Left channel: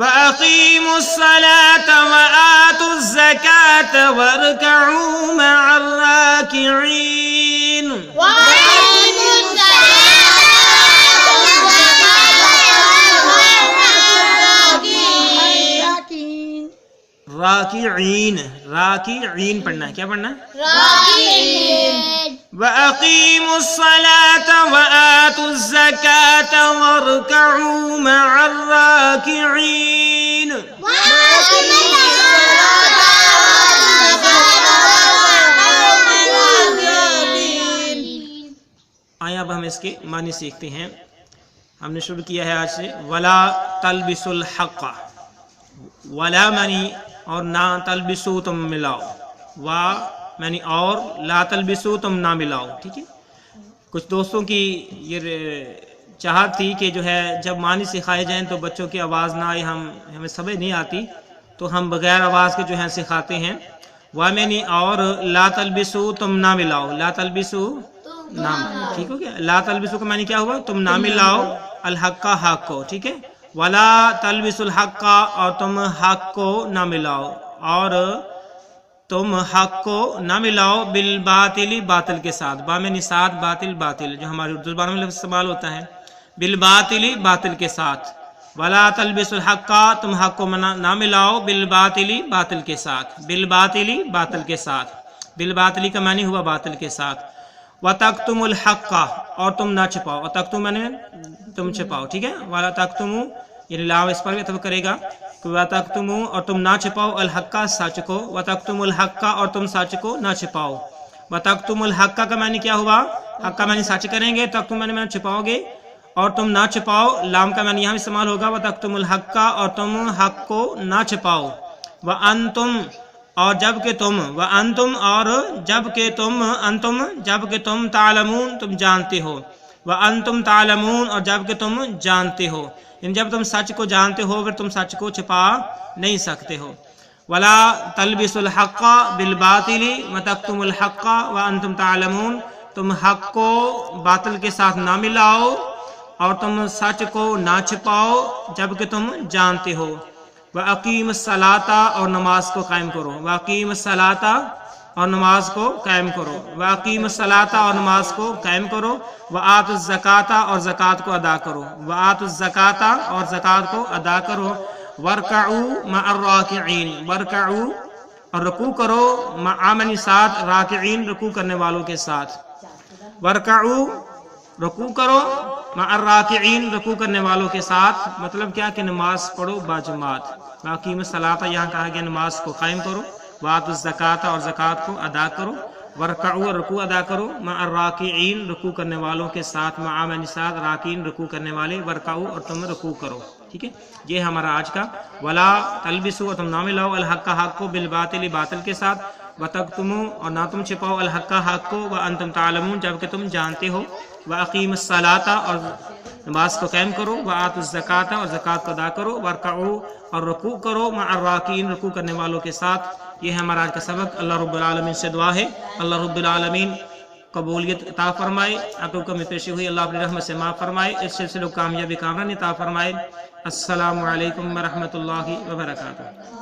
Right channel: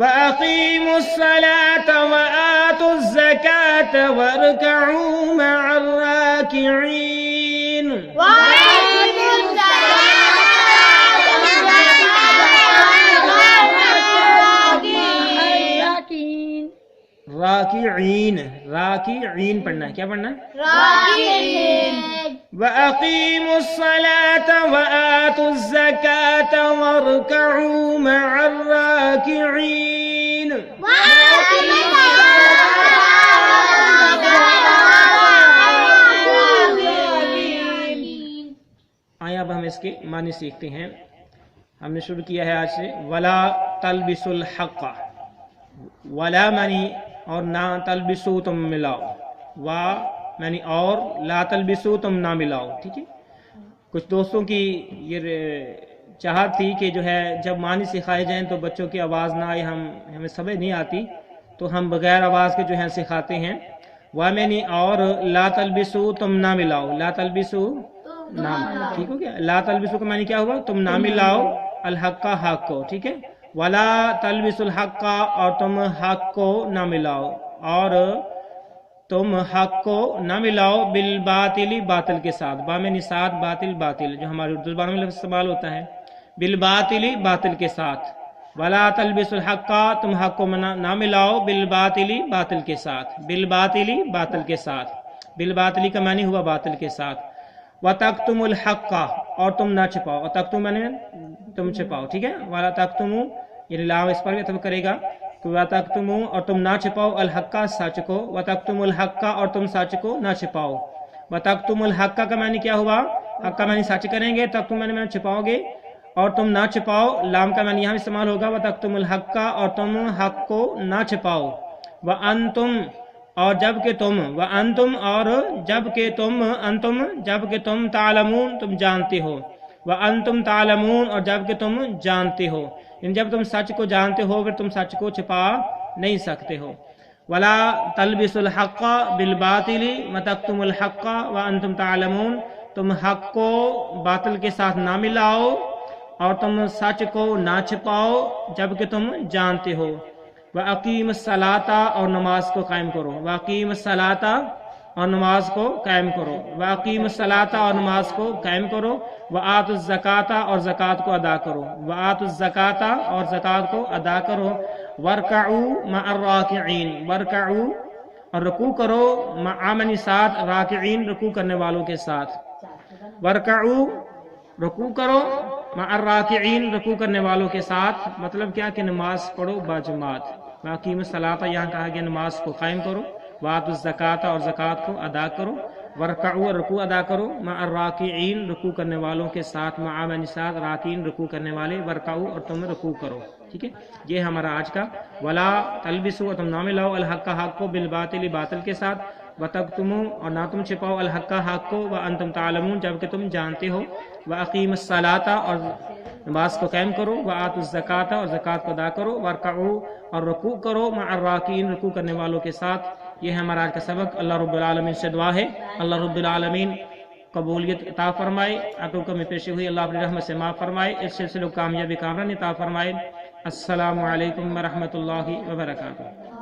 وَأَقِيمُوا الصَّلَاةَ وَآتُوا الزَّكَاةَ وَارْكَعُوا مَعَ الرَّاكِعِينَ وَأَقِيمُوا الصَّلَاةَ راکعین، راکعین پڑھنا ہے، کیا پڑھنا ہے؟ راکعین وَأَقِيمُوا الصَّلَاةَ وَآتُوا الزَّكَاةَ وَارْكَعُوا مَعَ الرَّاكِعِينَ آیا اب ہم اس کے معنی سیکھتے ہیں۔ ہم نے شروع کیا ہے آج سے وَلَا تَلْبِسُوا الْحَقَّ، وَلَا معنی اور نہ، تلبسو تم ملاؤ، وا معنی اور، لا تلبسو تم نہ ملاؤ، ٹھیک ہے۔ کچھ دوستوں کی یہ چاہت تھی کہ جو ہے جب معنی سکھائے جائیں تو بچوں کی آواز نہ آئے، ہمیں سمجھ نہیں آتی تو ہم بغیر آواز کے جو ہے سکھاتے ہیں۔ وا معنی اور، لا تلبسو تم نہ ملاؤ، لا تلبسو نہ، ٹھیک ہو گیا۔ لا تلبسو کا معنی کیا ہوا؟ تم نہ ملاؤ الحق کا حق کو، ٹھیک ہے۔ وَلَا تَلْبِسُوا الْحَقَّ، اور تم حق کو نہ ملاؤ، اور تم حق کو نہ ملاؤ بالباطل، باطل کے ساتھ، با میں نسات باطل، باطل جو ہماری اردو زبان میں لفظ استعمال ہوتا ہے، بالباطل باطل کے ساتھ۔ وَلَا تَلْبِسُوا الْحَقَّ، تم حق کو نہ ملاؤ بالباطل، باطل کے ساتھ، بالباطل باطل کے ساتھ، بالباطل کا معنی ہوا باطل کے ساتھ۔ وَتَكْتُمُوا الْحَقَّ، اور تم نہ چھپاؤ، وَتَكْتُمُوا معنی تم چھپاؤ، ٹھیک ہے۔ وَلَا تَكْتُمُوا یعنی لا اس پر بھی اتفاق کرے گا کہ وَتَكْتُمُوا، اور تم نہ چھپاؤ الحق سچ کو، وَتَكْتُمُوا الْحَقَّ، اور تم سچ کو نہ چھپاؤ۔ وَتَكْتُمُوا الْحَقَّ کا معنی کیا ہوا؟ حق کا معنی سچ کریں گے، تکتم معنی چھپاؤ گے، اور تم نہ چھپاؤ، لام کا معنی یہاں بھی استعمال ہوگا وَتَكْتُمُوا الْحَقَّ، اور تم حق کو نہ چھپاؤ۔ وَأَنْتُمْ، اور جب کہ تم، وَأَنْتُمْ، اور جب کہ تم، انتم جب کہ تم، تعلمون تم جانتے ہو، وَأَنْتُمْ تعلمون، اور جب کہ تم جانتے ہو، یعنی جب تم سچ کو جانتے ہو پھر تم سچ کو چھپا نہیں سکتے ہو۔ وَلَا تَلْبِسُوا الْحَقَّ بِالْبَاطِلِ وَتَكْتُمُوا الْحَقَّ وَأَنْتُمْ تَعْلَمُونَ، تم حق کو باطل کے ساتھ نہ ملاؤ اور تم سچ کو نہ چھپاؤ جب کہ تم جانتے ہو۔ وَأَقِيمُوا الصَّلَاةَ، اور نماز کو قائم کرو، وَأَقِيمُوا الصَّلَاةَ، اور نماز کو قائم کرو، وَأَقِيمُوا الصَّلَاةَ، اور نماز کو قائم کرو، وَآتُوا الزَّكَاةَ، اور زکوٰۃ کو ادا کرو، وَآتُوا الزَّكَاةَ، اور زکوٰۃ کو ادا کرو، وَارْكَعُوا مَعَ الرَّاكِعِينَ، وَارْكَعُوا، اور رکوع کرو، مع معنی ساتھ، راکعین رکوع کرنے والوں کے ساتھ، وَارْكَعُوا رکوع کرو، مع الراکعین رکوع کرنے والوں کے ساتھ، مطلب کیا کہ نماز پڑھو باجماعت۔ وَأَقِيمُوا الصَّلَاةَ، یہاں کہا گیا نماز کو قائم کرو، وَآتُوا الزَّكَاةَ، اور زکوٰۃ کو ادا کرو، وَارْكَعُوا رکوع ادا کرو، مع الراکعین رکوع کرنے والوں کے ساتھ، مع معنی ساتھ، راکعین رکوع کرنے والے، وَارْكَعُوا اور تم رکوع کرو، ٹھیک ہے۔ یہ ہمارا آج کا وَلَا تَلْبِسُوا، اور تم نہ ملاؤ الحق حق کو بالباطل باطل کے ساتھ، وَتَكْتُمُوا، اور نہ تم چھپاؤ الحق حق کو، وَأَنْتُمْ تَعْلَمُونَ جبکہ تم جانتے ہو، وَأَقِيمُوا الصَّلَاةَ، اور نماز کو قائم کرو، وَآتُوا الزَّكَاةَ، اور زکوٰۃ کو ادا کرو، وَارْكَعُوا، اور رکوع کرو، مع الراکعین رکوع کرنے والوں کے ساتھ۔ یہ ہے ہمارا آج کا سبق۔ اللہ رب العالمین سے دعا ہے اللہ رب العالمین قبولیت عطا فرمائے، عقل کمی پیشی ہوئی اللہ اپنی رحمت سے معاف فرمائے، اس سلسلے کو کامیابی کامرانی عطا فرمائے۔ السلام علیکم ورحمۃ اللہ وبرکاتہ۔